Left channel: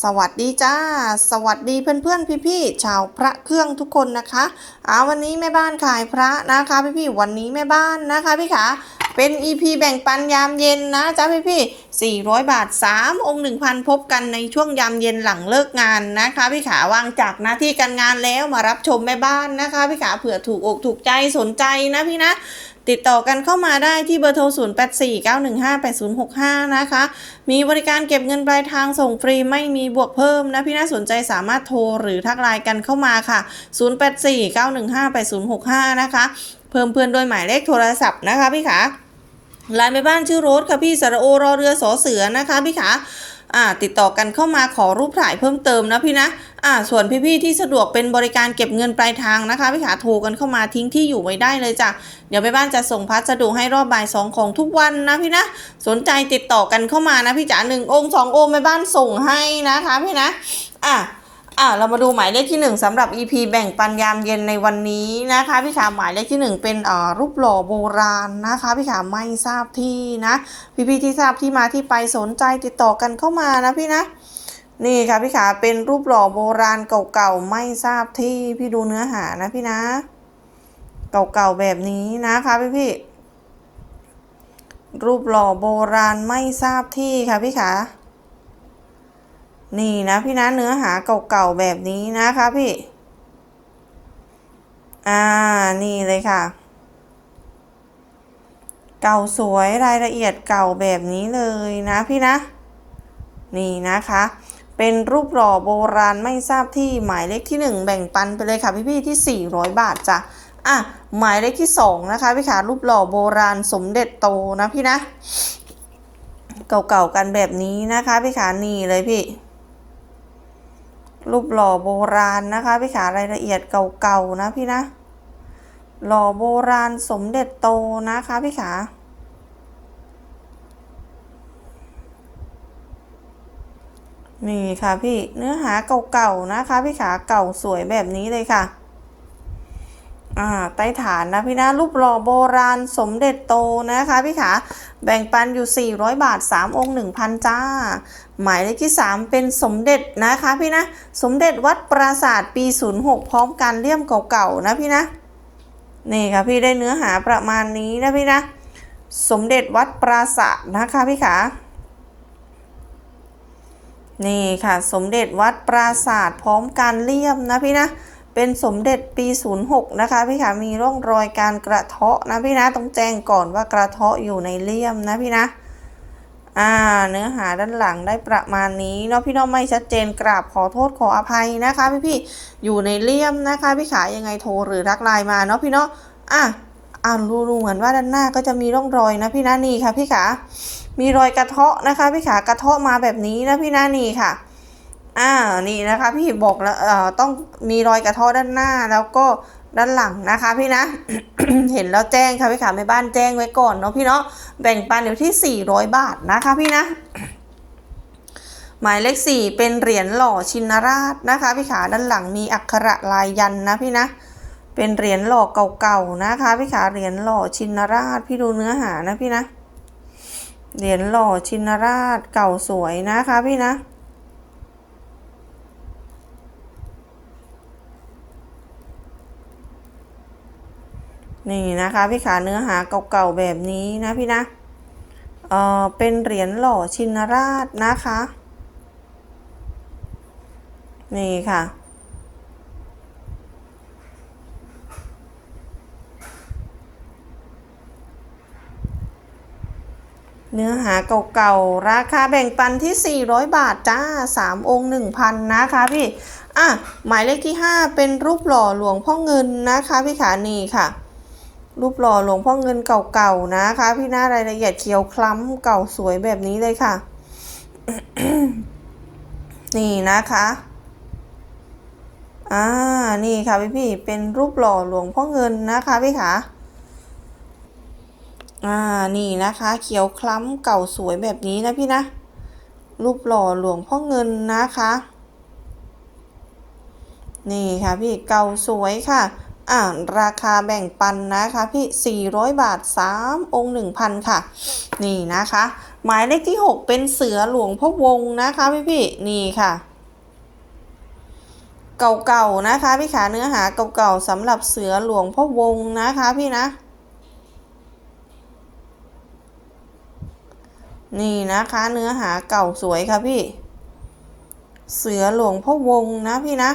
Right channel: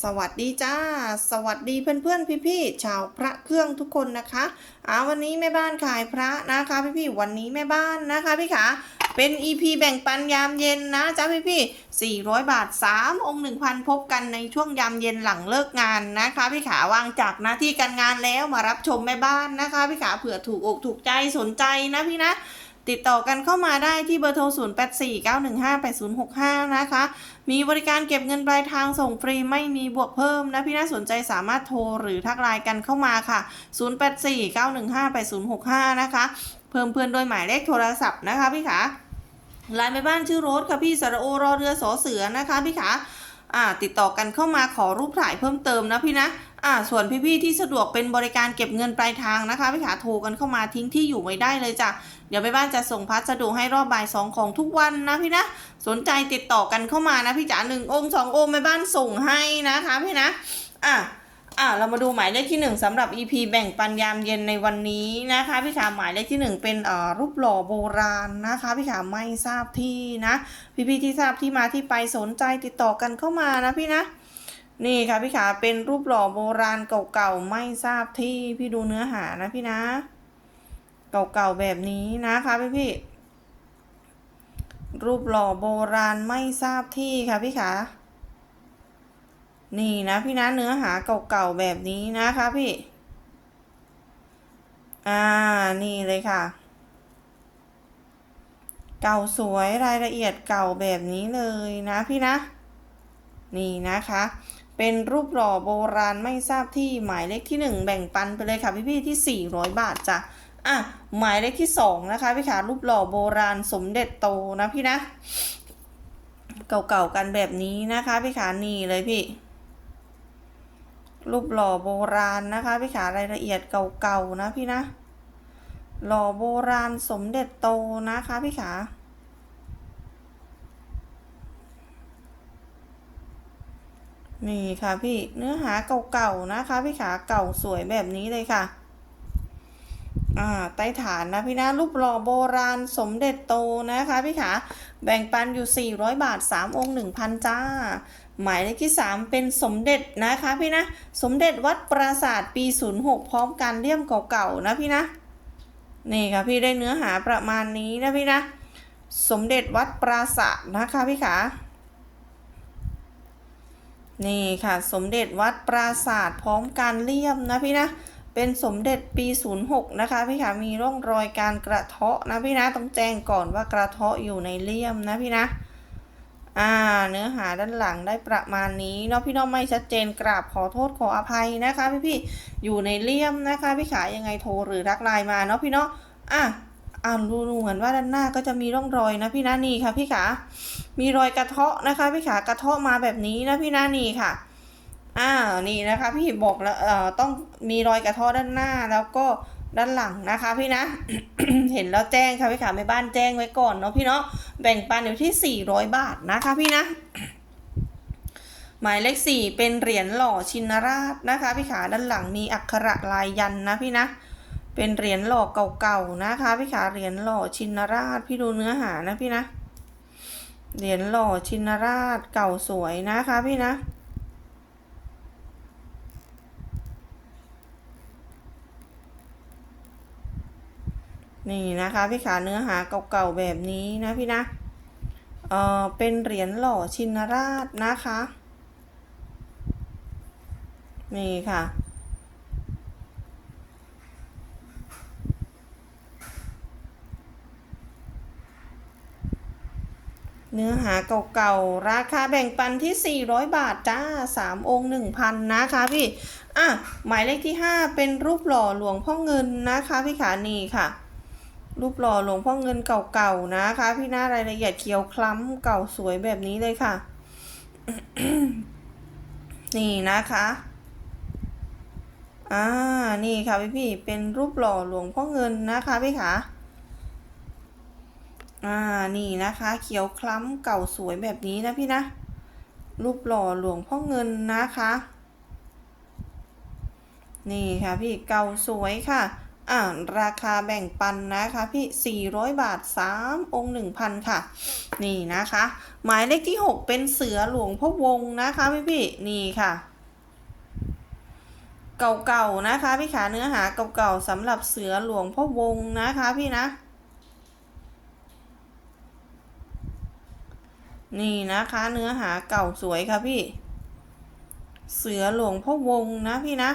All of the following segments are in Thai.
สวัสดีจ้า สวัสดีเพื่อนๆพี่ๆชาวพระเครื่องทุกคนนะคะอ่าวันนี้แม่บ้านขายพระนะคะพี่ๆวันนี้แม่บ้านนะคะพี่ขาเป็น EP แบ่งปันยามเย็นนะจ้าพี่ๆ400 บาท 3 องค์ 1,000 พบกันในช่วงยามเย็นหลังเลิกงานนะคะพี่ขาวางจากหน้าที่การงานแล้วมารับชมแม่บ้านนะคะพี่ขาเผื่อถูกอกถูกใจสนใจนะพี่นะ ติดต่อกันเข้ามาได้ที่เบอร์โทร 0849158065 นะคะ มีบริการเก็บเงินปลายทางส่งฟรีไม่มีบวกเพิ่มนะ พี่น่าสนใจสามารถโทรหรือทักไลน์กันเข้ามาค่ะ 0849158065 นะคะ เพิ่มเพื่อนด้วยหมายเลขโทรศัพท์นะคะพี่ขาไลน์แม่บ้านชื่อโรสค่ะพี่สระโอรอเรือสอเสือนะคะพี่ขา อ่าติดต่อกันเข้ามาขอรูปถ่ายเพิ่มเติมนะพี่นะอ่าส่วนพี่ๆที่สะดวกเป็นบริการเก็บเงินปลายทางนะคะพี่ขาโทรกันเข้ามาทิ้งที่อยู่ไว้ได้เลยจ้ะเดี๋ยวแม่บ้านจะส่งพัสดุให้รอบบ่ายสองของทุกวันนะพี่นะสนใจติดต่อกันเข้ามานะพี่จ๋าหนึ่งองค์สององค์แม่บ้านส่งให้นะคะพี่นะอะ อะเรามาดูหมายเลขที่หนึ่งสำหรับ EP แบ่งปันยามเย็นในวันนี้นะคะพี่ขาหมายเลขที่หนึ่งเป็นอ่ารูปหล่อโบราณนะคะพี่ขาไม่ทราบที่นะพี่ๆที่ทราบที่มาที่ไปสนใจติดต่อกันเข้ามานะพี่นะนี่ค่ะพี่ขาเป็นรูปหล่อโบราณเก่าๆไม่ทราบที่พี่ดูเนื้อหานะพี่นะ เก่าๆแบบนี้นะคะพี่พี่ๆรูปหล่อโบราณไม่ทราบที่ค่ะพี่ขา นี่นะพี่นะเนื้อหาเก่าๆแบบนี้นะคะพี่ อ่า นี่เลยค่ะ เก่าสวยรายละเอียดเก่าแบบนี้เลยนะพี่นะ นี่นะคะ เป็นรูปหล่อโบราณไม่ทราบที่หมายเลขที่ 1 แบ่งปันไปเลยค่ะพี่ๆที่ 400 บาทจ้ะ อะ หมายเลขที่ 2 นะคะพี่ขารูปหล่อโบราณสมเด็จโตนะพี่นะ เก่าๆกันแบบนี้นะคะพี่ขานี่เลยพี่ รูปหล่อโบราณนะคะ พี่ขารายละเอียดเก่าๆนะพี่นะ หล่อโบราณสมเด็จโตนะคะพี่ขานี่ค่ะพี่เนื้อหาเก่าๆนะคะ พี่ขาเก่าสวยแบบนี้เลยค่ะ อ่าใต้ฐานนะพี่นะรูปหล่อโบราณสมเด็จโตนะคะ พี่ขาแบ่งปันอยู่ 400 บาท 3 องค์ 1,000 จ้า หมายเลขที่ 3 เป็นสมเด็จนะคะพี่นะ สมเด็จวัดปราศาสตร์ปี 06 พร้อมการเลี่ยมเก่าๆนะพี่นะ นี่ค่ะพี่ได้เนื้อหาประมาณนี้นะพี่นะ สมเด็จวัดปราศาสตร์นะคะพี่ขานี่ค่ะสมเด็จวัดปราศาสตร์พร้อมการเลี่ยมนะพี่นะ เป็นสมเด็จปี 06 นะคะพี่ขามีร่องรอยการกระเทาะนะพี่นะต้องแจ้งก่อนว่ากระเทาะอยู่ในเลี่ยมนะพี่นะ อ่าเนื้อหาด้านหลังได้ประมาณนี้เนาะพี่น้องไม่ชัดเจนกราบขอโทษขออภัยนะคะพี่พี่อยู่ในเลี่ยมนะคะพี่ขายังไงโทรหรือทักไลน์มาเนาะพี่เนาะอะอ่านดูดูเหมือนว่าด้านหน้าก็จะมีร่องรอยนะพี่นะนี่ค่ะพี่ขา มีรอยกระเทาะนะคะพี่ขากระเทาะมาแบบนี้นะพี่นะนี่ค่ะ อ่านี่นะคะ พี่บอกแล้วเอ่อต้องมีรอยกระเทาะด้านหน้าแล้วก็ ด้านหลังนะคะพี่นะ เห็นแล้วแจ้งค่ะพี่ขาแม่บ้านแจ้งไว้ก่อนเนาะพี่เนาะแบ่งปันอยู่ที่ 400 บาทนะคะพี่นะหมายเลขสี่เป็นเหรียญหล่อชินราชนะคะพี่ขาด้านหลังมีอักขระลายยันนะพี่นะ เป็นเหรียญหล่อเก่าๆนะคะพี่ขาเหรียญหล่อชินราชพี่ดูเนื้อหานะพี่นะ เหรียญหล่อชินราชเก่าสวยนะคะพี่นะ นี่นะคะพี่ขาเนื้อหาเก่าๆแบบนี้นะพี่นะเออเป็นเหรียญหล่อชินราชนะคะ นี่ค่ะ เนื้อหาเก่าๆ ราคาแบ่งปันที่ 400 บาทจ้า 3 องค์ 1,000 นะคะพี่ อะ หมายเลขที่ 5 เป็นรูปหล่อหลวงพ่อเงินนะคะพี่ขานี่ค่ะ รูปหล่อหลวงพ่อเงินเก่าๆนะคะ พี่หน้ารายละเอียดเขียวคล้ำเก่าสวยแบบนี้เลยค่ะ นี่นะคะอ่านี่ค่ะพี่พี่เป็นรูปหล่อหลวงพ่อเงินนะคะพี่ขาอ่านี่นะคะ เขียวคล้ำเก่าสวยแบบนี้นะพี่นะ รูปหล่อหลวงพ่อเงินนะคะ นี่ค่ะพี่เก่าสวยค่ะ อ่าราคาแบ่งปันนะคะพี่ 400 บาท 3 องค์ 1,000 ค่ะ นี่นะคะ หมายเลขที่ 6 เป็นเสือหลวงพ่อวงนะคะพี่พี่นี่ค่ะ เก่าๆนะคะพี่ขาเนื้อหาเก่าๆสำหรับเสือหลวงพ่อวงนะคะพี่นะ นี่นะคะเนื้อหาเก่าสวยค่ะพี่ เสือหลวงพ่อวงนะพี่นะ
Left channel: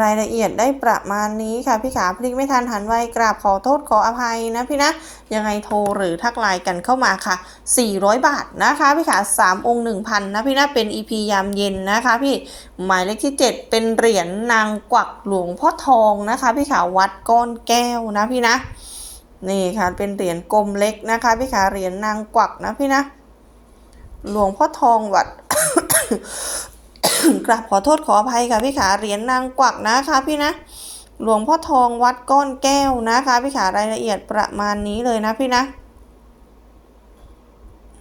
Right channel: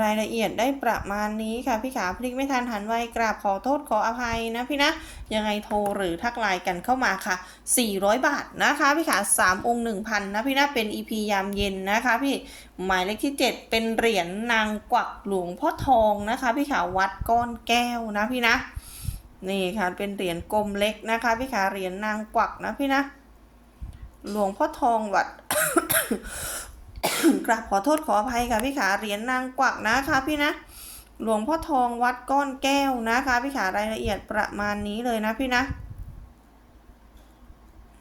รายละเอียดได้ประมาณนี้ค่ะพี่ขาพลิกไม่ทันหันไวกราบขอโทษขออภัยนะพี่นะ ยังไงโทรหรือทักไลน์กันเข้ามาค่ะ 400 บาทนะคะพี่ขา3องค์ 1,000 นะพี่นะเป็น EP ยามเย็นนะคะพี่หมายเลขที่ 7 เป็นเหรียญนางกวักหลวงพ่อทองนะคะ พี่ขาวัดก้อนแก้วนะพี่นะ นี่ค่ะเป็นเหรียญกลมเล็กนะคะพี่ขาเหรียญนางกวักนะพี่นะ หลวงพ่อทองวัด กราบขอโทษขออภัยค่ะพี่ขาเหรียญนางกวักนะคะพี่นะ หลวงพ่อทองวัดก้อนแก้วนะคะพี่ขารายละเอียดประมาณนี้เลยนะพี่นะ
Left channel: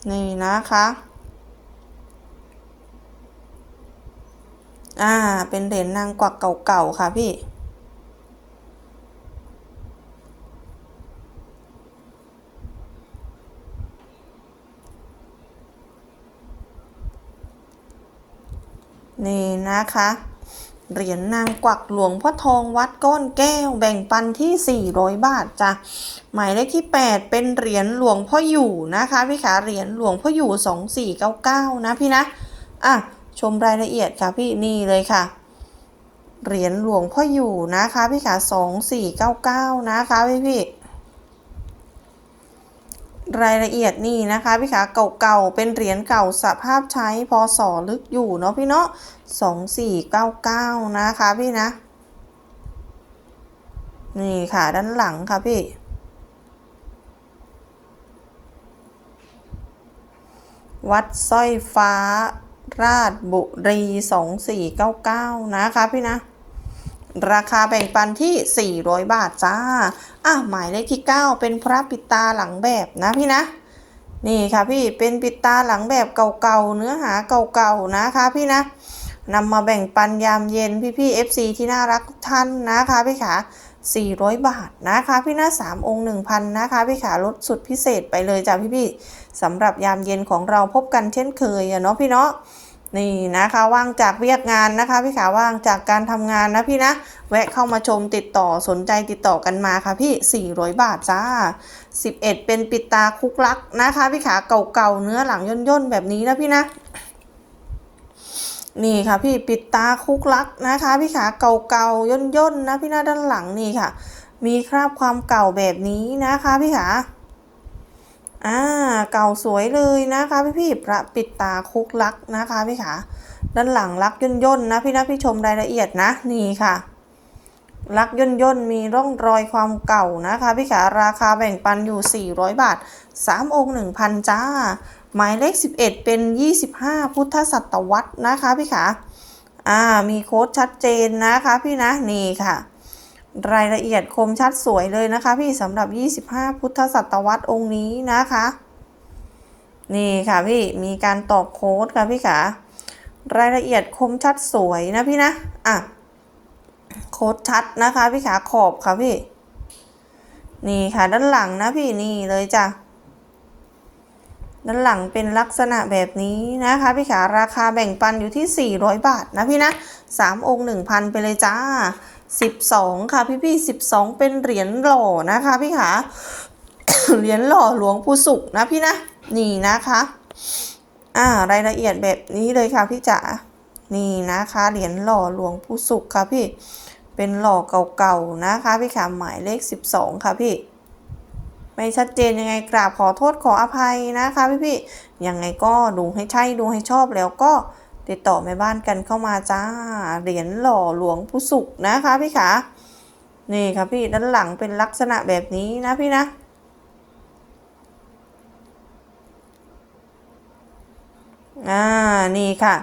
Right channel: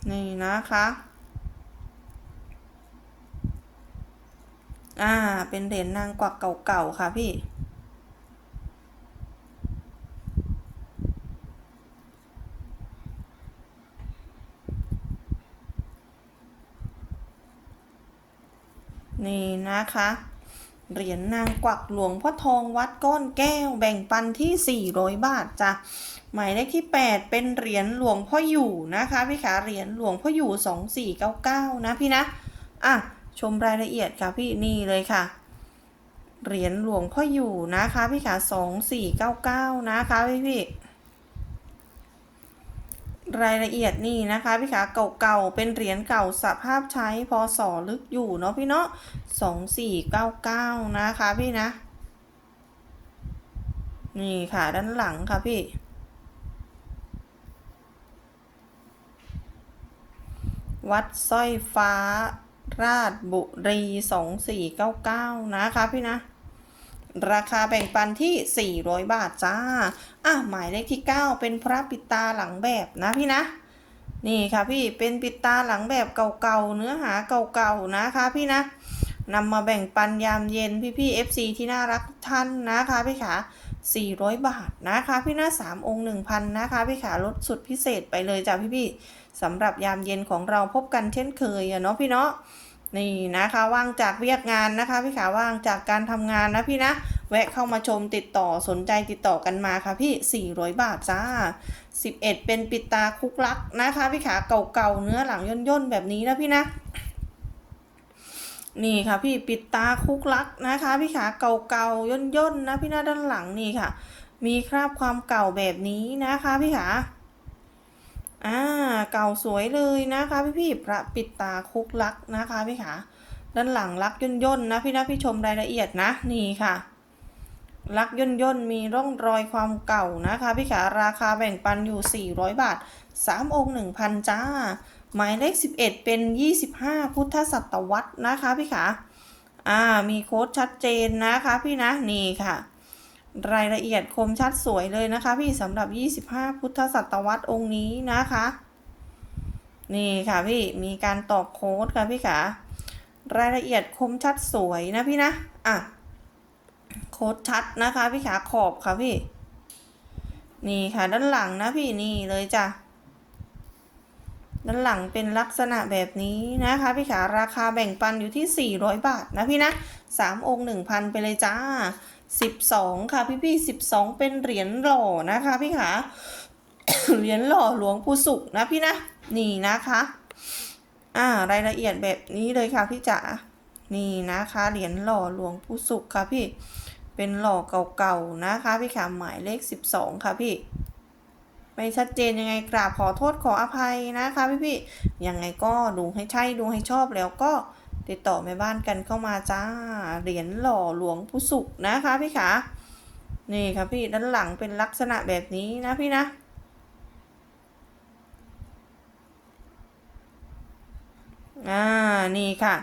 นี่นะคะอ่า เป็นเหรียญนางกวักเก่าๆค่ะพี่ นะคะ เหรียญนางกวักหลวงพ่อทองวัดก้อนแก้วแบ่งปันที่ 400 บาทจ้ะหมายเลขที่ 8 เป็นเหรียญหลวงพ่ออยู่นะคะพี่ขาเหรียญหลวงพ่ออยู่ 2499 นะพี่นะอะชมรายละเอียดค่ะพี่นี่เลยค่ะเหรียญหลวงพ่ออยู่นะคะพี่ขา2499 นะคะพี่พี่ รายละเอียดนี่นะคะพี่ขาเก่าๆ เป็นเหรียญเก่าสภาพใช้พศลึกอยู่เนาะพี่เนาะสองสี่เก้าเก้านะคะพี่นะ นี่ค่ะด้านหลังค่ะพี่วัดสร้อยฟ้าราชบุรีสองสี่เก้าเก้านะคะพี่นะ ราคาแบ่งปันที่ 400 บาทจ้า อะ หมายเลขที่ 9 เป็นพระปิดตาหลังแบบนะพี่นะ นี่ค่ะพี่ เป็นปิดตาหลังแบบเก่าๆ เนื้อหาเก่าๆ นะคะพี่นะนำมาแบ่งปันยามเย็นพี่ๆ FC ที่น่ารักทุกท่านนะคะพี่ขา400 บาทนะคะพี่นะ3องค์ 1,000นะคะพี่ขาลดสุดพิเศษไปเลยจ้ะพี่ๆสำหรับยามเย็นของเราพบกันเช่นเคยเนาะพี่เนาะ นี่นะคะว่างจากเวียกงานนะคะ พี่ขาว่างจากการทำงานนะพี่นะแวะเข้ามาชมติดต่อสนใจติดต่อกันมาค่ะพี่ 400 บาทจ้า 11 เป็นปิดตาคุกลักนะคะ พี่ขาเก่าๆเนื้อหลังย่นๆแบบนี้นะพี่นะนี่ค่ะพี่ปิดตาคุกลักนะคะ พี่ขาเก่าๆย่นๆนะพี่หน้าด้านหลังนี่ค่ะ มีคราบความเก่าแบบนี้นะคะ พี่ขา อ่าเก่าสวยเลยนะคะพี่พี่พระปิดตาคุกลักนะคะพี่ขาด้านหลังลักย่นย่นนะพี่นะพี่ชมรายละเอียดนะนี่ค่ะ ลักย่นย่นมีร่องรอยความเก่านะคะพี่ขาราคาแบ่งปันอยู่ 400 บาท 3 องค์ 1,000 จ้า หมายเลข 11 เป็น 25 พุทธศตวรรษนะคะพี่ขาอ่ามีโค้ดชัดเจนนะคะพี่นะนี่ค่ะ รายละเอียดคมชัดสวยเลยนะคะ พี่สำหรับ 25 พุทธศตวรรษองค์นี้นะคะ นี่ค่ะพี่มีการตอกโค้ดค่ะพี่ขารายละเอียดคมชัดสวยนะพี่นะอะโค้ดชัดนะคะพี่ขาขอบค่ะพี่ นี่ค่ะด้านหลังนะพี่นี่เลยจ้ะด้านหลังเป็นลักษณะแบบนี้นะคะพี่ขาราคาแบ่งปันอยู่ที่ 400 บาทนะพี่นะ3องค์1,000 ไปเลยจ้า 12 ค่ะพี่พี่12 เป็นเหรียญหล่อนะคะพี่ขาเหรียญหล่อหลวงปู่สุขนะพี่นะนี่นะคะอ่ารายละเอียดแบบนี้เลยค่ะพี่จ๋านี่นะคะเหรียญหล่อหลวงปู่สุขค่ะพี่เป็นหล่อเก่าๆนะคะพี่ขาหมายเลข 12 ค่ะพี่ไม่ชัดเจนยังไงกราบขอโทษขออภัยนะคะพี่พี่ยังไงก็ดูให้ใช่ดูให้ชอบแล้วก็ ติดต่อแม่บ้านกันเข้ามาจ้า เหรียญหล่อหลวงปู่สุขนะคะพี่ขานี่ค่ะพี่ด้านหลังเป็นลักษณะแบบนี้นะพี่นะอ่านี่ค่ะ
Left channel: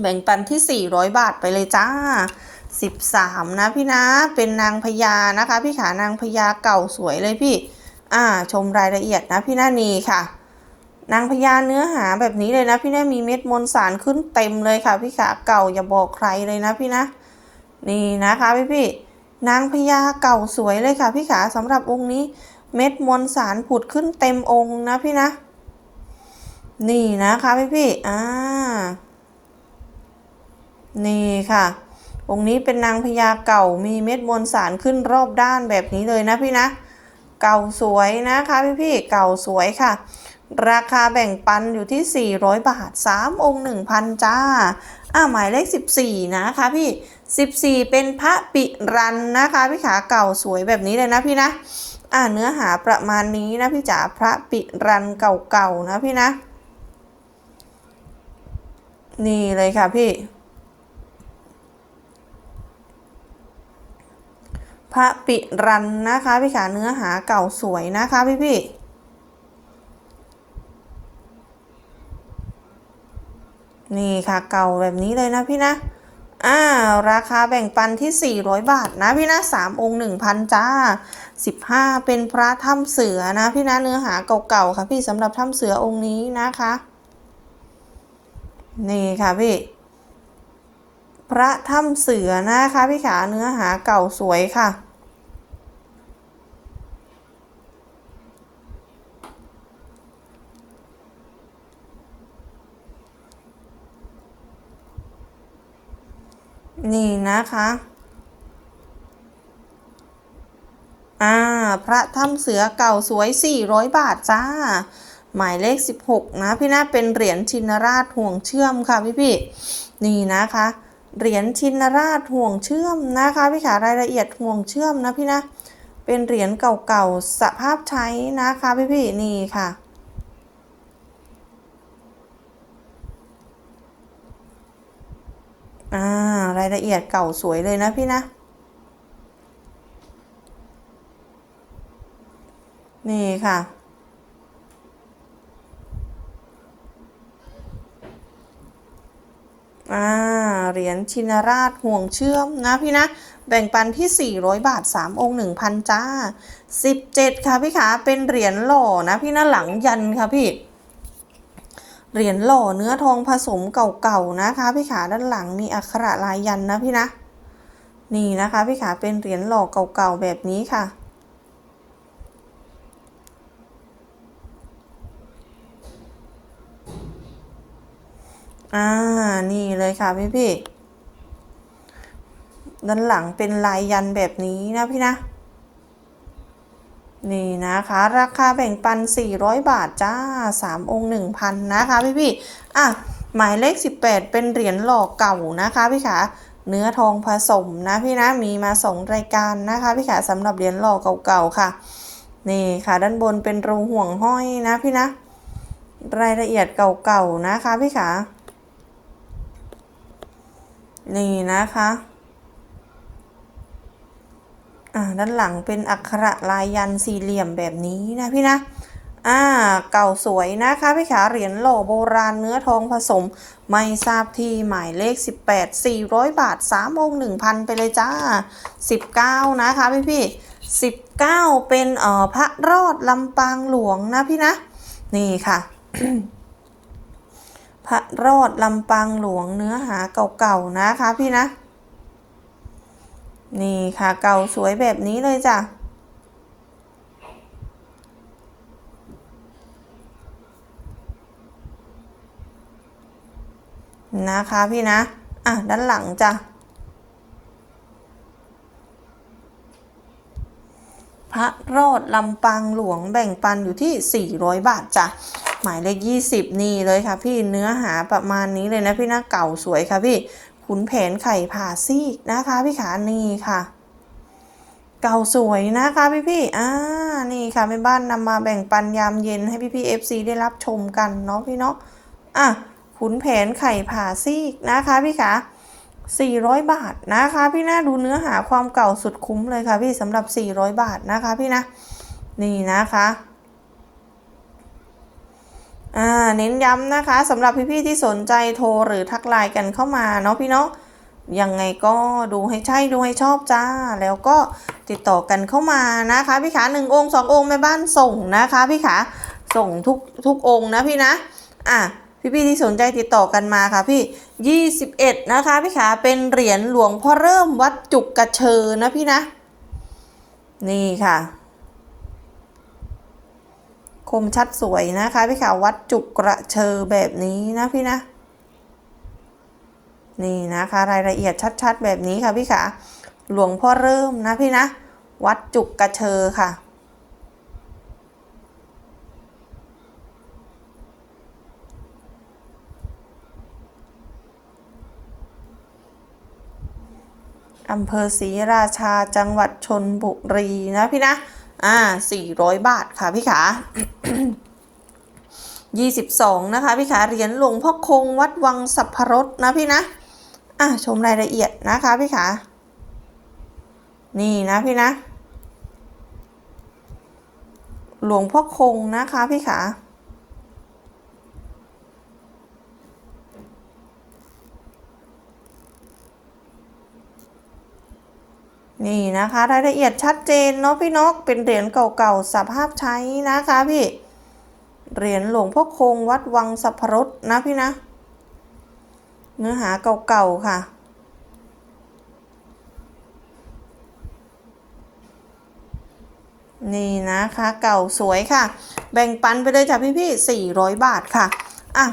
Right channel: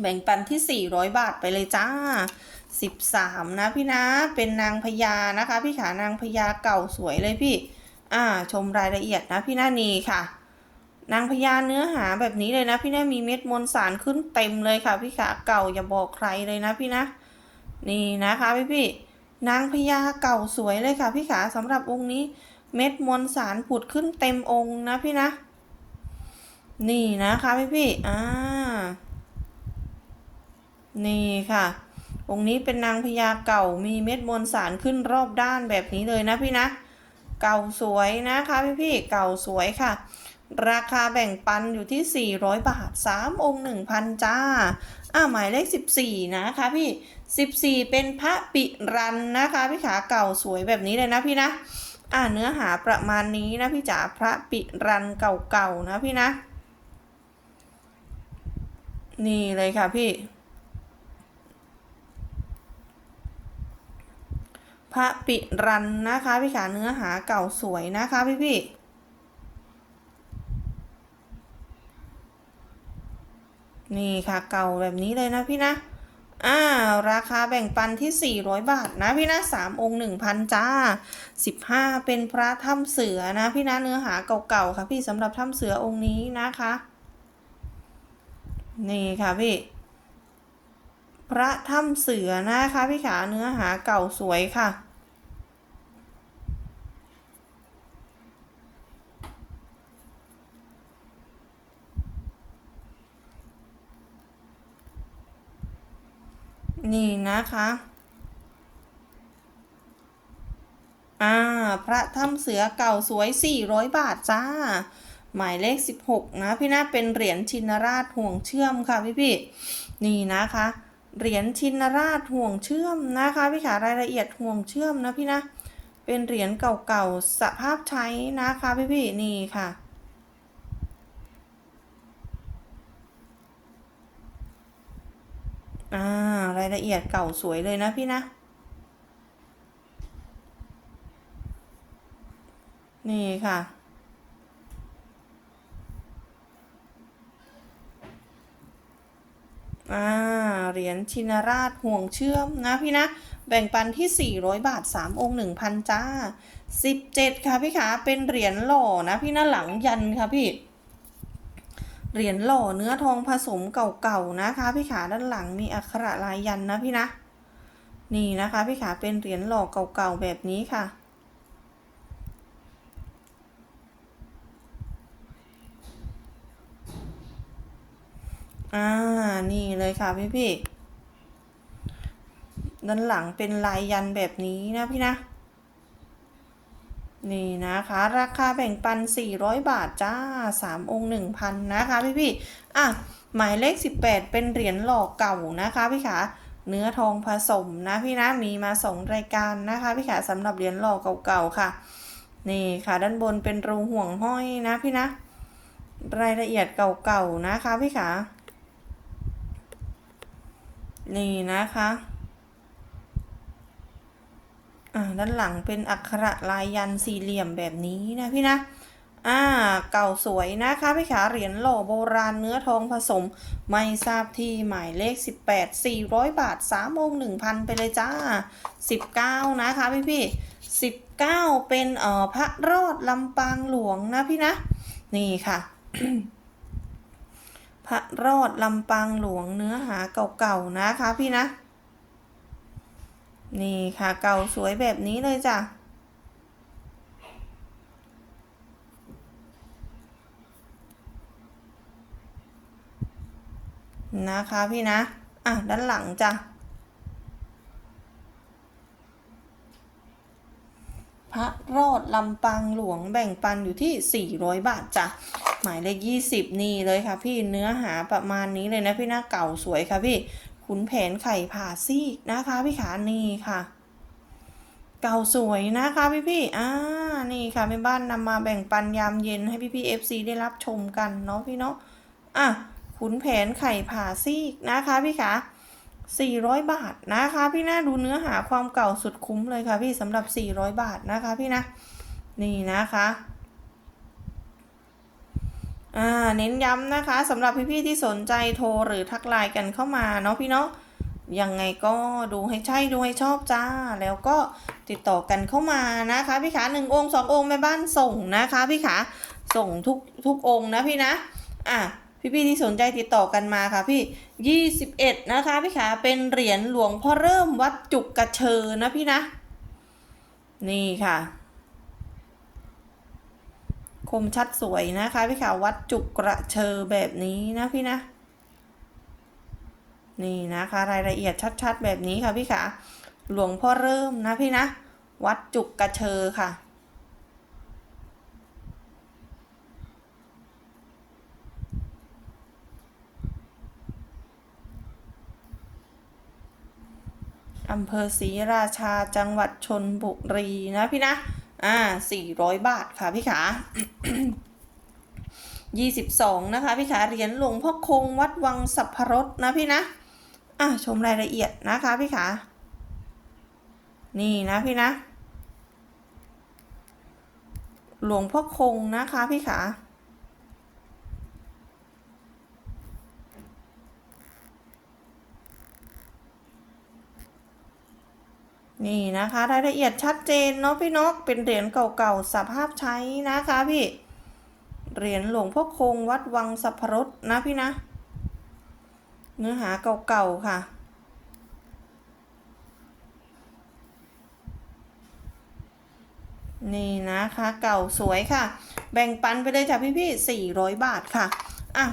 แบ่งปันที่ 400 บาทไปเลยจ้า 13 นะพี่นะ เป็นนางพญานะคะ พี่ขานางพญาเก่าสวยเลยพี่ อ่า ชมรายละเอียดนะพี่น้านีค่ะ นางพญาเนื้อหาแบบนี้เลยนะ พี่นะมีเม็ดมวลสารขึ้นเต็มเลยค่ะ พี่ขาเก่าอย่าบอกใครเลยนะพี่นะ นี่นะคะพี่พี่นางพญาเก่าสวยเลยค่ะ พี่ขาสำหรับองค์นี้ เม็ดมวลสารผุดขึ้นเต็มองค์นะพี่นะ นี่นะคะพี่พี่อ่านี่ค่ะ องค์นี้เป็นนางพญาเก่ามีเม็ดมวลสารขึ้นรอบด้านแบบนี้เลยนะพี่นะ เก่าสวยนะคะพี่พี่เก่าสวยค่ะ ราคาแบ่งปันอยู่ที่ 400 บาท 3 องค์ 1,000 จ้า อ่าหมายเลข 14 นะคะพี่ 14 เป็นพระปิรันนะคะ พี่ขาเก่าสวยแบบนี้เลยนะพี่นะ อ่าเนื้อหาประมาณนี้นะพี่จ๋าพระปิรันเก่าๆนะพี่นะ นี่เลยค่ะพี่พระปิรันนะคะพี่ขาเนื้อหาเก่าสวยนะคะพี่พี่ นี่ค่ะเก่าแบบนี้เลยนะพี่นะอ่าราคาแบ่งปันที่ 400 บาทนะพี่นะ3องค์1,000จ้า 15 เป็นพระถ้ำเสือนะพี่นะเนื้อหาเก่าๆค่ะพี่สำหรับถ้ำเสือองค์นี้นะคะ นี่ค่ะพี่ พระถ้ำเสือนะคะพี่ขาเนื้อหาเก่าสวยค่ะ นี่นะคะ อ่า พระถ้ำเสือเก่าสวย 400 บาทจ้า หมายเลข 16 นะ พี่นะเป็นเหรียญชินราชห่วงเชื่อมค่ะพี่พี่นี่นะคะ เหรียญชินราชห่วงเชื่อมนะคะพี่ขารายละเอียดห่วงเชื่อมนะพี่นะ เป็นเหรียญเก่าๆสภาพใช้นะคะพี่พี่นี่ค่ะ อ่ารายละเอียดเก่าสวยเลยนะพี่นะ นี่ค่ะ อ่า เหรียญชินราชห่วงเชื่อมนะพี่นะ แบ่งปันที่ 400 บาท 3 องค์ 1,000 จ้า 17 ค่ะพี่ขาเป็นเหรียญหล่อนะพี่นะหลังยันค่ะพี่ เหรียญหล่อเนื้อทองผสมเก่าๆนะคะพี่ขาด้านหลังมีอักขระลายยันนะพี่นะ นี่นะคะพี่ขาเป็นเหรียญหล่อเก่าๆแบบนี้ค่ะ อ่า นี่เลยค่ะพี่พี่ๆด้านหลังเป็นลายยันแบบนี้นะพี่นะ นี่นะคะ ราคาแบ่งปัน 400 บาทจ้า 3 องค์ 1,000 นะคะพี่พี่อะ หมายเลข 18 เป็นเหรียญหล่อเก่านะคะพี่ขาเนื้อทองผสมนะพี่นะ มีมา 2 รายการนะคะพี่ขาสำหรับเหรียญหล่อเก่าๆค่ะ นี่ค่ะด้านบนเป็นรูห่วงห้อยนะพี่นะ รายละเอียดเก่าๆนะคะพี่ขานี่นะคะ อ่าด้านหลังเป็นอักขระลายยันสี่เหลี่ยมแบบนี้นะพี่นะอ่าเก่าสวยนะคะพี่ขาเหรียญหล่อโบราณเนื้อทองผสม ไม่ทราบที่หมายเลข 18 400 บาท3องค์1,000 ไปเลยจ้า 19 นะคะพี่พี่19 เป็นเอ่อพระรอดลำปางหลวงนะพี่นะ นี่ค่ะ พระรอดลำปางหลวงเนื้อหาเก่าๆนะคะพี่นะ นี่ค่ะเก่าสวยแบบนี้เลยจ้ะ นะคะพี่นะ อะ ด้านหลังจ้ะ พระโรดลำปางหลวงแบ่งปันอยู่ที่ 400 บาทจ้ะ หมายเลข 20 นี่เลยค่ะพี่เนื้อหาประมาณนี้เลยนะพี่นะเก่าสวยค่ะพี่ ขุนแผนไข่ผ่าซีกนะคะพี่ขานี่ค่ะ เก่าสวยนะคะพี่พี่อ่านี่ค่ะแม่บ้านนำมาแบ่งปันยามเย็นให้พี่พี่เอฟซีได้รับชมกันเนาะพี่เนาะอะขุนแผนไข่ผ่าซีกนะคะพี่ขา400 บาทนะคะ พี่นะดูเนื้อหาความเก่าสุดคุ้มเลยค่ะพี่สำหรับ 400 บาทนะคะพี่นะ นี่นะคะ เน้นย้ำนะคะสำหรับพี่ๆที่สนใจโทรหรือทักไลน์กันเข้ามาเนาะพี่เนาะยังไงก็ดูให้ใช่ดูให้ชอบจ้า แล้วก็ติดต่อกันเข้ามานะคะพี่ขาหนึ่งองค์สององค์แม่บ้านส่งนะคะพี่ขาส่งทุกทุกองค์นะพี่นะอะพี่ๆที่สนใจติดต่อกันมาค่ะพี่ 21 นะคะพี่ขาเป็นเหรียญหลวงพ่อเริ่มวัดจุกกระเชอนะพี่นะ นี่ค่ะ คมชัดสวยนะคะพี่ขาววัดจุกกระเชอแบบนี้นะพี่นะ นี่นะคะรายละเอียดชัดๆ แบบนี้ค่ะพี่ขาหลวงพ่อเริ่มนะพี่นะ วัดจุกกระเชอค่ะอำเภอศรีราชาจังหวัดชนบุรีนะพี่นะ อ่า400บาทค่ะพี่ขา22นะคะพี่ขาเหรียญหลวงพ่อคงวัดวังสัพพรสนะพี่นะอะชมรายละเอียดนะคะพี่ขานี่นะพี่นะ หลวงพ่อคงนะคะพี่ขา นี่นะคะรายละเอียดชัดเจนเนาะพี่นกเป็นเหรียญเก่าๆสภาพใช้นะคะพี่เหรียญหลวงพ่อคงวัดวังสัพพรสนะพี่นะ เนื้อหาเก่าๆค่ะ นี่นะคะเก่าสวยค่ะ แบ่งปันไปเลยจ้ะพี่พี่400 บาทค่ะ อะ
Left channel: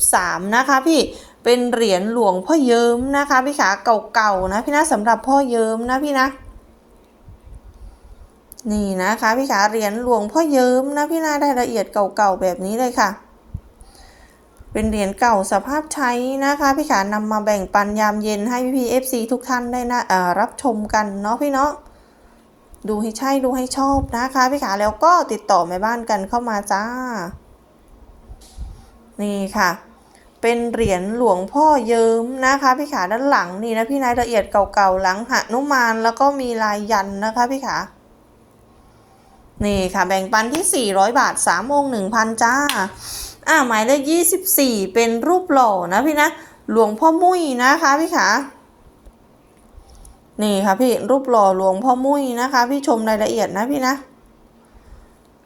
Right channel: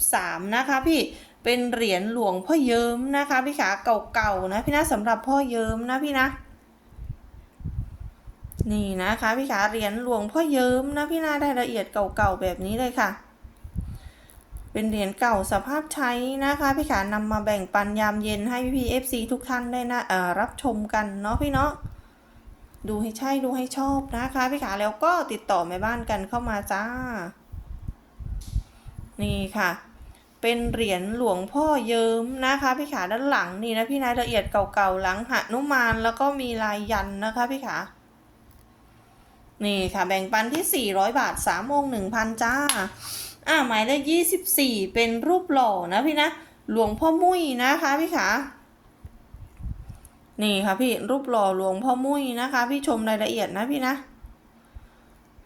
23 นะคะพี่ เป็นเหรียญหลวงพ่อเยิ้มนะคะพี่ขาเก่าๆนะพี่นะสำหรับพ่อเยิ้มนะพี่นะ นี่นะคะพี่ขาเหรียญหลวงพ่อเยิ้มนะพี่นาได้ละเอียดเก่าๆแบบนี้เลยค่ะ เป็นเหรียญเก่าสภาพใช้นะคะพี่ขานำมาแบ่งปันยามเย็นให้พี่พีเอฟซีทุกท่านได้นะรับชมกันเนาะพี่เนาะดูให้ใช่ดูให้ชอบนะคะพี่ขาแล้วก็ติดต่อแม่บ้านกันเข้ามาจ้า นี่ค่ะ เป็นเหรียญหลวงพ่อเยิ้มนะคะพี่ขาด้านหลังนี่นะพี่นายละเอียดเก่าๆหลังหนุมานแล้วก็มีลายยันนะคะพี่ขานี่ค่ะแบ่งปันที่ 400 บาท3องค์1,000 จ้า อ่าหมายเลข24 เป็นรูปหล่อนะพี่นะ หลวงพ่อมุ้ยนะคะพี่ขานี่ค่ะพี่รูปหล่อหลวงพ่อมุ้ยนะคะ พี่ชมรายละเอียดนะพี่นะ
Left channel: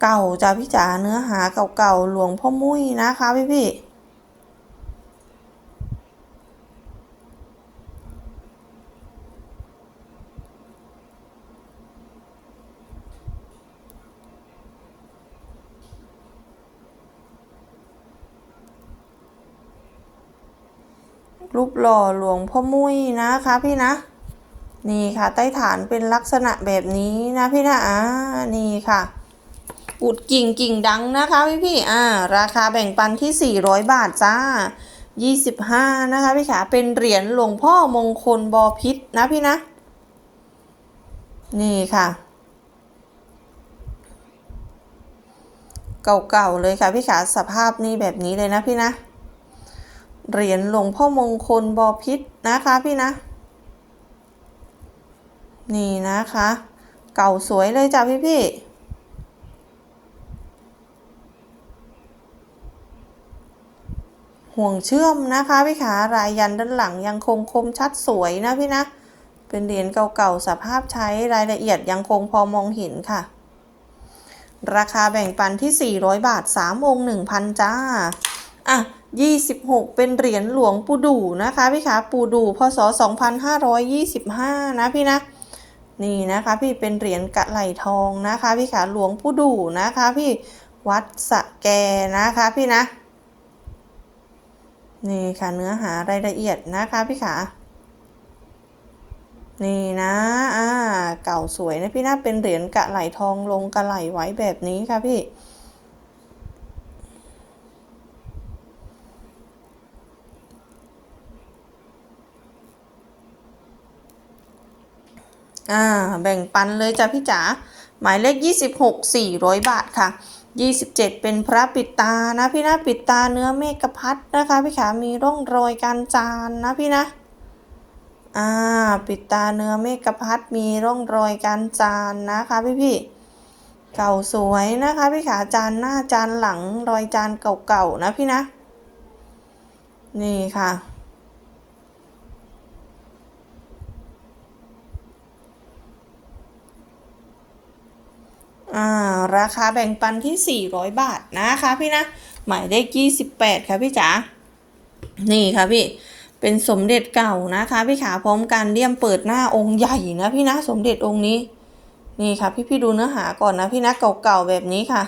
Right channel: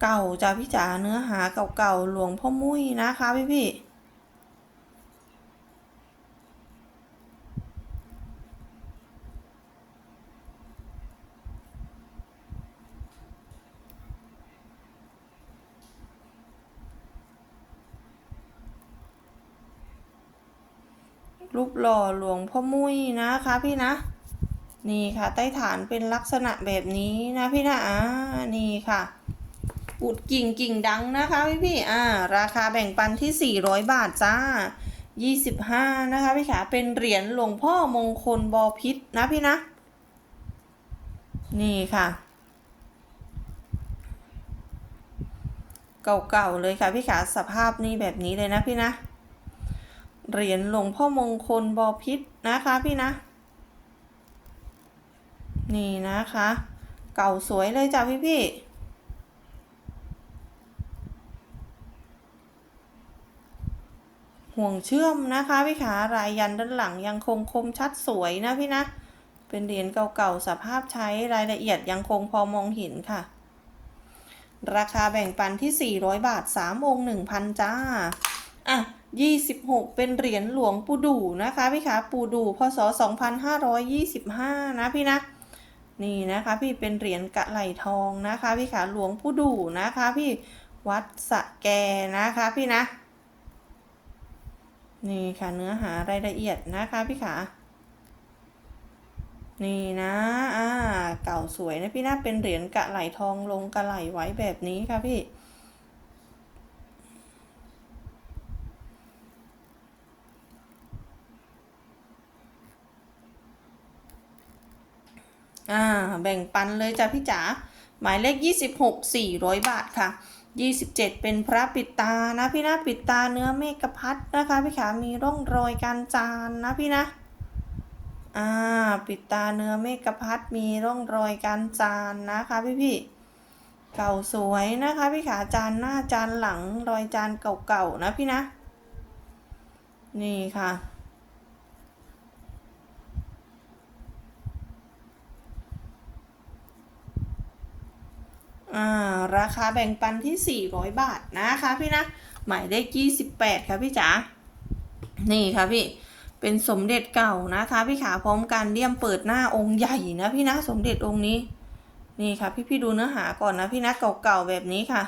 เก่าจ้าพี่จ๋าเนื้อหาเก่าๆหลวงพ่อมุ้ยนะคะพี่พี่ รูปหล่อหลวงพ่อมุ้ยนะคะพี่นะ นี่ค่ะใต้ฐานเป็นลักษณะแบบนี้นะพี่นะอ่านี่ค่ะอุดกิ่งกิ่งดังนะคะพี่พี่อ่า ราคาแบ่งปันที่ 400 บาทจ้า 25 นะคะพี่ขาเป็นเหรียญหลวงพ่อมงคลบอพิษนะพี่นะ นี่ค่ะ เก่าๆเลยค่ะพี่ขาสภาพนี่แบบนี้เลยนะพี่นะ เหรียญหลวงพ่อมงคลบอพิษนะคะพี่นะ นี่นะคะ เก่าสวยเลยจ้ะพี่พี่ห่วงเชื่อมนะคะพี่ขารายยันด้านหลังยังคงคมชัดสวยนะพี่นะ เป็นเหรียญเก่าๆสภาพใช้รายละเอียดยังคงพอมองเห็นค่ะ ราคาแบ่งปันที่ 400 บาท 3 องค์ 1,000 จ้า อะ 26 เป็นเหรียญหลวงปู่ดูนะคะพี่ขาปู่ดูพศ 2525 นะพี่นะ นี่นะคะพี่เป็นเหรียญกะไหลทองนะคะพี่ขาหลวงปู่ดูนะคะพี่วัดสะแกนะคะพี่นะ นี่ค่ะเนื้อหารายละเอียดนะคะพี่ขานี่นะอ่าเก่าสวยนะพี่นะเป็นเหรียญกะไหลทองลงกะไหลไว้แบบนี้ค่ะพี่ อ่าแบ่งปันเลยจ้ะพี่จ๋าหมายเลข 26 400 บาทค่ะ 27 เป็นพระปิดตานะพี่นะปิดตาเนื้อเมฆพัดนะคะพี่ขามีร่องรอยการจานนะพี่นะอ่าปิดตาเนื้อเมฆพัดมีร่องรอยการจานนะคะพี่พี่เก่าสวยนะคะพี่ขาจานหน้าจานหลังรอยจานเก่าๆนะพี่นะ นี่ค่ะ ราคาแบ่งปันที่ 400 บาทนะคะพี่นะ หมายเลข28 ค่ะพี่จ๋า นี่ค่ะพี่ เป็นสมเด็จเก่านะคะ พี่ขาพร้อมการเลี่ยมเปิดหน้าองค์ใหญ่นะพี่นะสมเด็จองค์นี้ นี่ค่ะพี่พี่ดูเนื้อหาก่อนนะพี่นะเก่าๆแบบนี้ค่ะ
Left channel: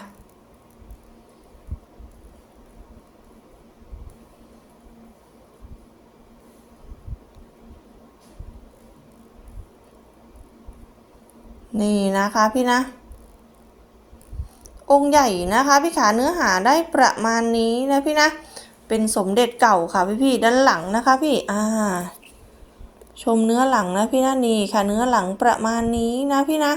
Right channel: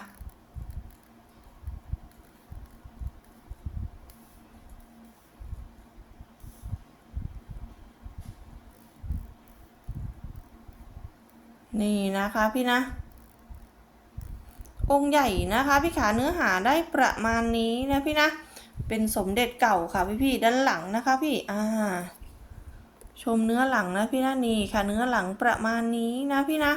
นี่นะคะพี่นะ องค์ใหญ่นะคะพี่ขาเนื้อหาได้ประมาณนี้นะพี่นะ เป็นสมเด็จเก่าค่ะพี่พี่ๆด้านหลังนะคะพี่อ่าชมเนื้อหลังนะพี่นะนี่ค่ะเนื้อหลังประมาณนี้นะพี่นะ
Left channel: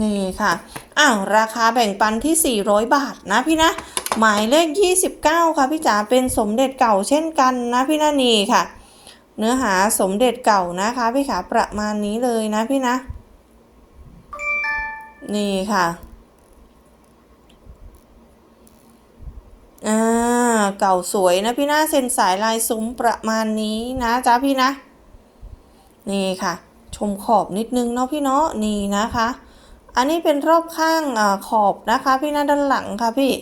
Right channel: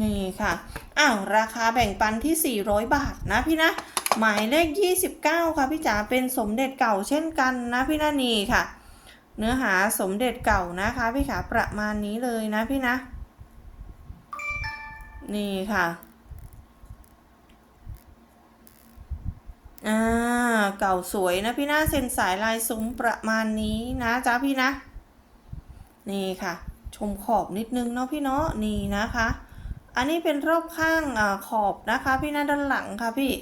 นี่ค่ะอ้าวราคาแบ่งปันที่ 400 บาทนะพี่นะ หมายเลข 29 ค่ะพี่จ๋าเป็นสมเด็จเก่าเช่นกันนะพี่นานี่ค่ะ เนื้อหาสมเด็จเก่านะคะพี่ขาประมาณนี้เลยนะพี่นะ นี่ค่ะอ่าเก่าสวยนะพี่นะเส้นสายลายซุ้มประมาณนี้นะจ๊ะพี่นะ นี่ค่ะ ชมขอบนิดนึงเนาะพี่เนาะนี่นะคะ อันนี้เป็นรอบข้างอาขอบนะคะ พี่นะด้านหลังค่ะพี่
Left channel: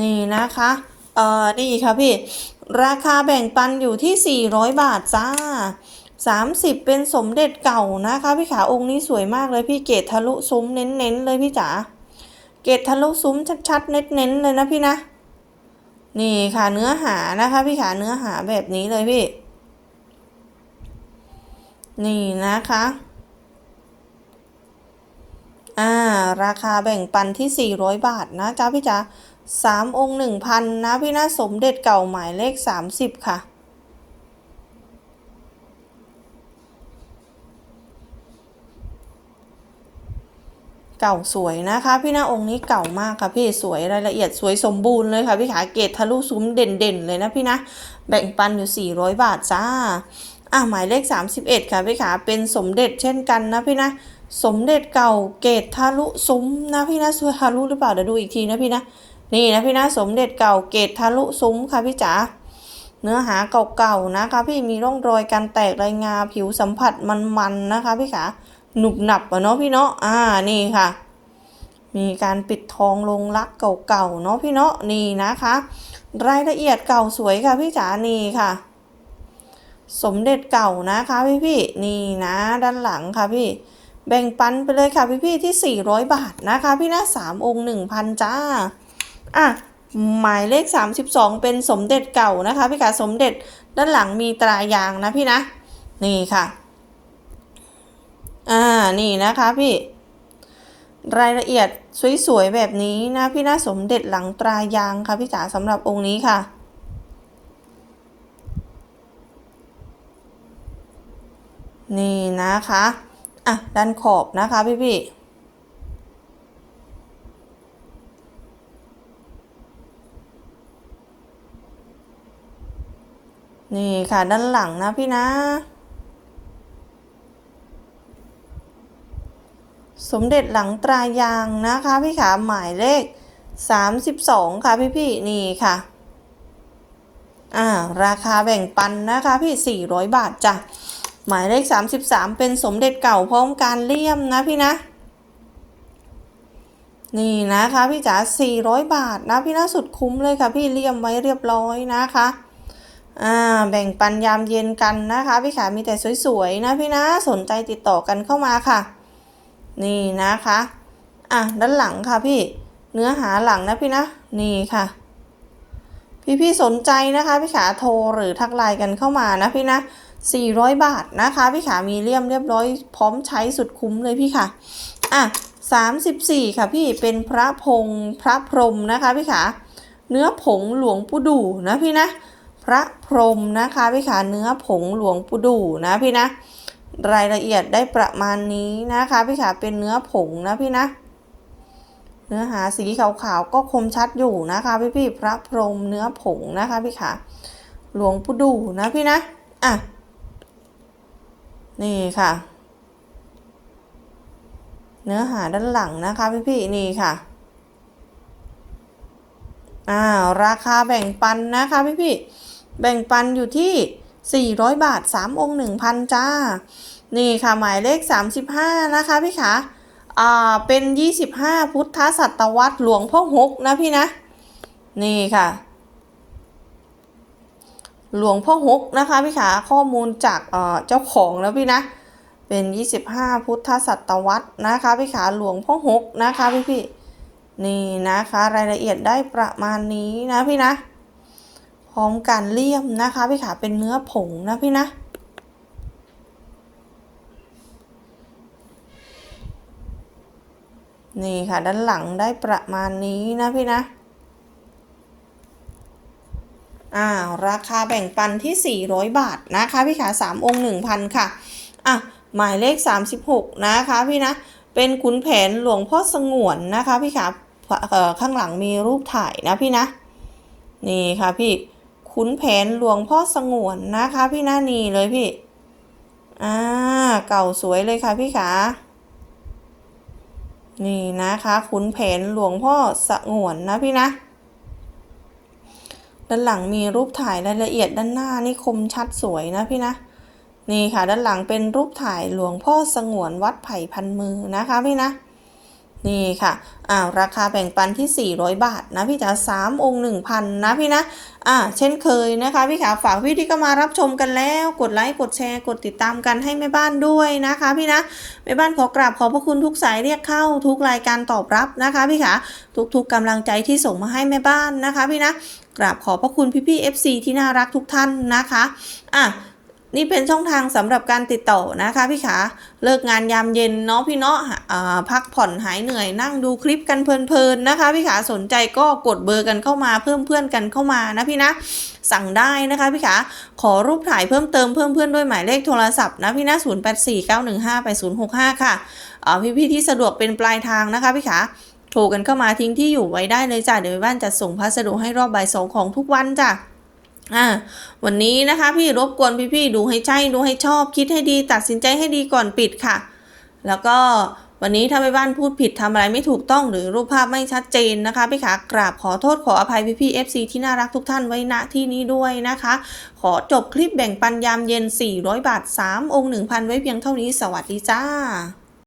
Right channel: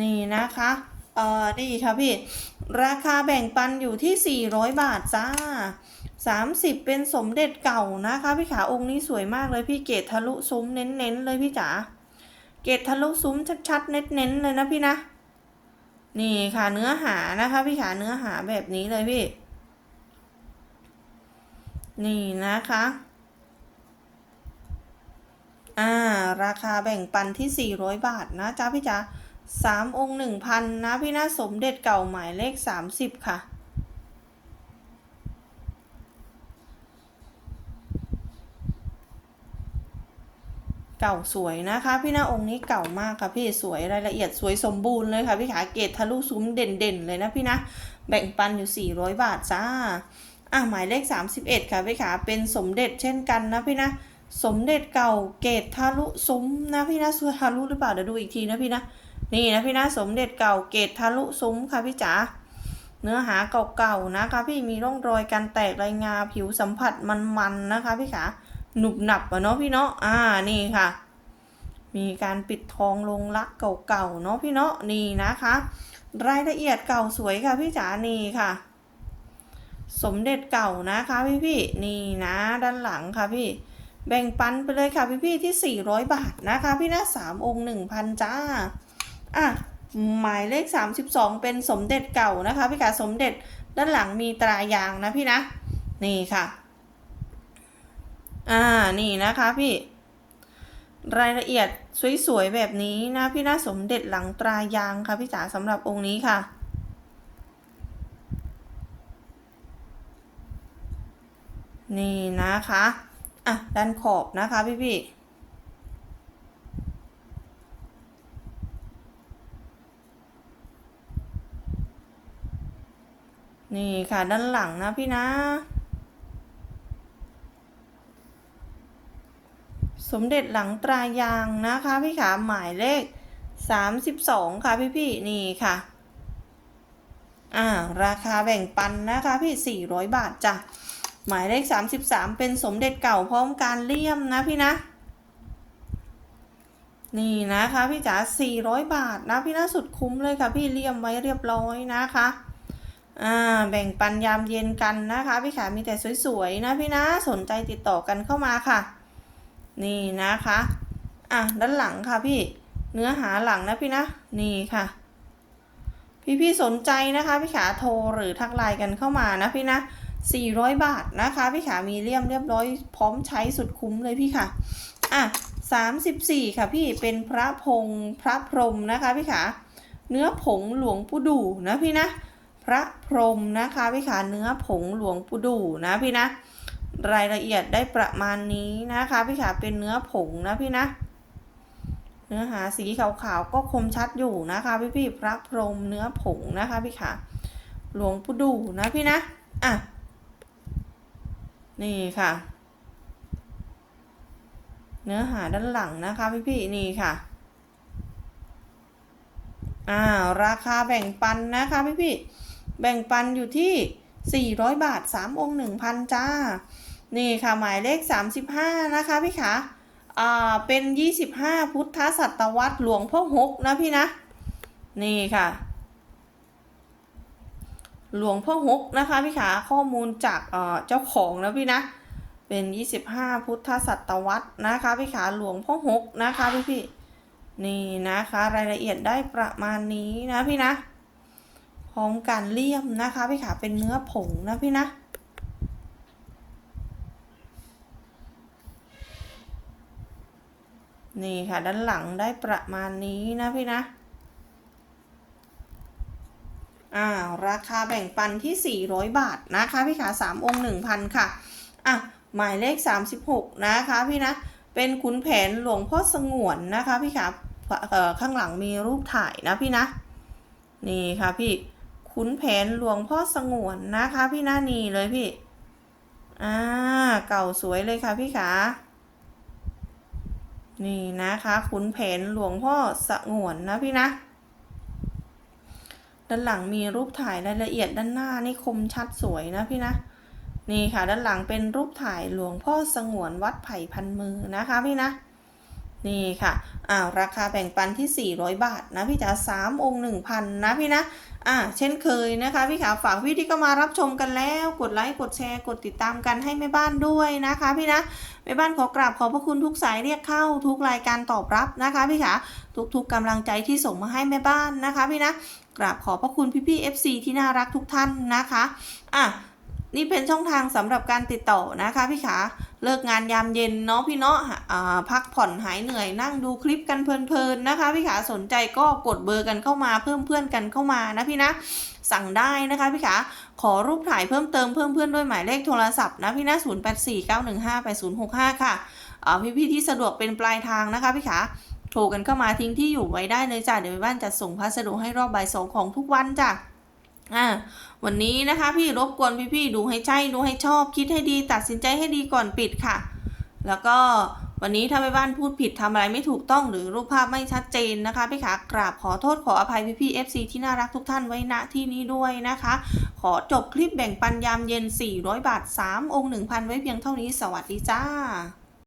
นี่นะคะเอ่อนี่ค่ะพี่ ราคาแบ่งปันอยู่ที่ 400 บาทจ้า 30 เป็นสมเด็จเก่านะคะพี่ขาองค์นี้สวยมากเลยพี่เกตทะลุซุ้มเน้นๆเลยพี่จ๋าเกตทะลุซุ้มชัดๆเน้นๆเลยนะพี่นะ นี่ค่ะเนื้อหานะคะพี่ขาเนื้อหาแบบนี้เลยพี่ นี่นะคะอ่าราคาแบ่งปันที่ 400 บาทนะจ๊ะพี่จ๋า สามองค์หนึ่งพันนะพี่นะสมเด็จเก่าหมายเลข30ค่ะ เก่าสวยนะคะ พี่นะองค์นี้เก่ามากค่ะพี่สวยรายละเอียดสวยสมบูรณ์เลยค่ะพี่ขาเกตทะลุซุ้มเด่นๆเลยนะพี่นะแบ่งปันอยู่ 400 บาทจ้าอะหมายเลข 31 ค่ะพี่ขาเป็นสมเด็จเช่นกันนะพี่นะสมเด็จเก่าเกตทะลุซุ้มนะพี่นะสวยทะลุหรือเปล่าเดี๋ยวดูอีกทีนะพี่นะ นี่นะพี่นะสมเด็จเก่าเกตทะลุซุ้มค่ะพี่จ๋าเนื้อหาเก่าๆนะคะ พี่มีร่องรอยการแตกรายงาผิวสัมผัสมันๆนะคะพี่ขาหนุบหนับอะเนาะพี่เนาะอ่านี่ค่ะ มีการปิดทองลงรักเก่าๆเนาะพี่เนาะนี่นะคะ รายละเอียดเก่าสวยค่ะพี่จ๋านี่ค่ะ สมเด็จเก่านะคะพี่พี่ๆนี่นะด้านหลังค่ะพี่แบ่งปันไปเลยค่ะพี่พี่ๆที่ 400 บาทนะคะ พี่นะสามองค์1,000จ้า อะหมายเลข 32 เป็นสมเด็จเก่านะคะ พี่ขาสมเด็จด้านหลังมีตรายางนะพี่นะ นี่ค่ะ อ่านี่นะคะพี่ รายละเอียดสวยๆแบบนี้นะพี่นะสมเด็จหลังตรายางค่ะพี่จ๋าสำหรับองค์นี้ค่ะนี่นะคะ อะ ด้านขอบนะคะพี่พี่ นี่ค่ะด้านหลังนะพี่นะ สมเด็จหลังตรายางนะคะพี่ขาหมายเลข 32 ค่ะพี่พี่ๆนี่ค่ะอ่าราคาแบ่งปันนะคะพี่ 400 บาทจ้ะหมายเลข 33 เป็นสมเด็จเก่าพร้อมการเลี่ยมนะพี่นะ นี่นะคะพี่จ๋า400 บาทนะพี่นะสุดคุ้มเลยค่ะพี่เลี่ยมไว้เรียบร้อยนะคะ อ่าแบ่งปันยามเย็นกันนะคะ พี่ขามีแต่สวยๆนะพี่นะสนใจติดต่อกันเข้ามาค่ะ นี่นะคะอะด้านหลังค่ะพี่เนื้อหาหลังนะพี่นะนี่ค่ะ พี่ๆสนใจนะคะ พี่ขาโทรหรือทักไลน์กันเข้ามานะพี่นะ400 บาทนะคะ พี่ขามีเลี่ยมเรียบร้อยพร้อมใช้สุดคุ้มเลยพี่ค่ะอะ34 ค่ะพี่เป็นพระพงพระพรหมนะคะ พี่ขาเนื้อผงหลวงปู่ดูนะพี่นะ พระพรหมนะคะพี่ขาเนื้อผงหลวงปู่ดูนะพี่นะ รายละเอียดได้ประมาณนี้นะคะพี่ขาเป็นเนื้อผงนะพี่นะ เนื้อหาสีขาวๆก็คมชัดอยู่นะคะพี่พี่ๆพระพรหมเนื้อผงนะคะพี่ขาหลวงปู่ดูนะพี่นะอะนี่ค่ะ เนื้อหาด้านหลังนะคะพี่พี่ๆนี่ค่ะอ่าราคาแบ่งปันนะคะพี่พี่ๆ แบ่งปันอยู่ที่ 400 บาท 3 องค์ 1,000 จ้า นี่ค่ะ หมายเลข 35 นะคะพี่ขาอ่า เป็น 25 พุทธศตวรรษหลวงพ่อหกนะพี่นะ นี่ค่ะ หลวงพ่อหกนะคะพี่ขาข้อมูลจากเจ้าของแล้วพี่นะเป็น 25 พุทธศตวรรษนะคะพี่ขาหลวงพ่อหกนะคะพี่พี่นี่นะคะรายละเอียดได้ประมาณนี้นะพี่นะ ร้อมการเลี่ยมนะคะพี่ขาเป็นเนื้อผงนะพี่นะนี่ค่ะด้านหลังได้ประมาณนี้นะพี่นะอ่าราคาแบ่งปันที่ 400 บาทนะคะพี่ขา3องค์1,000 ค่ะอะหมายเลข 36 นะคะพี่นะ เป็นขุนแผนหลวงพ่อสงวนนะคะพี่ขาข้างหลังมีรูปถ่ายนะพี่นะ นี่ค่ะพี่ ขุนแผนหลวงพ่อสงวนนะคะพี่นะนี่เลยพี่ อ่า เก่าสวยเลยค่ะพี่ขา นี่นะคะ ขุนแผนหลวงพ่อสงวนนะพี่นะด้านหลังมีรูปถ่ายรายละเอียดด้านหน้านี่คมชัดสวยนะพี่นะ นี่ค่ะด้านหลังเป็นรูปถ่ายหลวงพ่อสงวนวัดไผ่พันมือนะคะพี่นะ นี่ค่ะอ่าราคาแบ่งปันที่ 400 บาทนะพี่จ๋า3องค์1,000นะพี่นะอ่าเช่นเคยนะคะพี่ขาฝากพี่ที่ก็มารับชมกันแล้ว กดไลค์กดแชร์กดติดตามกันให้แม่บ้านด้วยนะคะพี่นะแม่บ้านขอกราบขอบพระคุณทุกสายเรียกเข้าทุกรายการตอบรับนะคะพี่ขาทุกๆกำลังใจที่ส่งมาให้แม่บ้านนะคะพี่นะกราบขอบพระคุณพี่ๆ FC ที่น่ารักทุกท่านนะคะอะ นี่เป็นช่องทางสำหรับการติดต่อนะคะพี่ขาเลิกงานยามเย็นเนาะพี่เนาะพักผ่อนหายเหนื่อยนั่งดูคลิปกันเพลินๆนะคะพี่ขาสนใจก็กดเบอร์กันเข้ามาเพิ่มเพื่อนกันเข้ามานะพี่นะสั่งได้นะคะพี่ขาขอรูปถ่ายเพิ่มเติมเพิ่มเพื่อนด้วยหมายเลขโทรศัพท์นะพี่นะ0849158065 ค่ะอ่พี่ๆที่สะดวกเป็นปลายทางนะคะพี่ขาโทรกันเข้ามาทิ้งที่อยู่ไว้ได้เลยจ้ะเดี๋ยวบ้านจะส่งพัสดุให้รอบบ่ายสองของทุกวันจ้ะ อ่าวันนี้นะคะพี่รบกวนพี่ๆดูให้ใช่ดูให้ชอบคิดให้ดี ตัดสินใจให้ดีก่อนปิดค่ะ แล้วก็วันนี้ถ้าไปบ้านพูดผิดทำอะไรไม่ถูกต้องหรือรูปภาพไม่ชัดเจนนะคะ พี่ขากราบขอโทษขออภัยพี่ๆ FC ที่น่ารักทุกท่านไว้ณที่นี้ด้วยนะคะ ขอจบคลิปแบ่งปันยามเย็น 400 บาท 3 องค์ 1,000 ไว้เพียงเท่านี้สวัสดีจ้า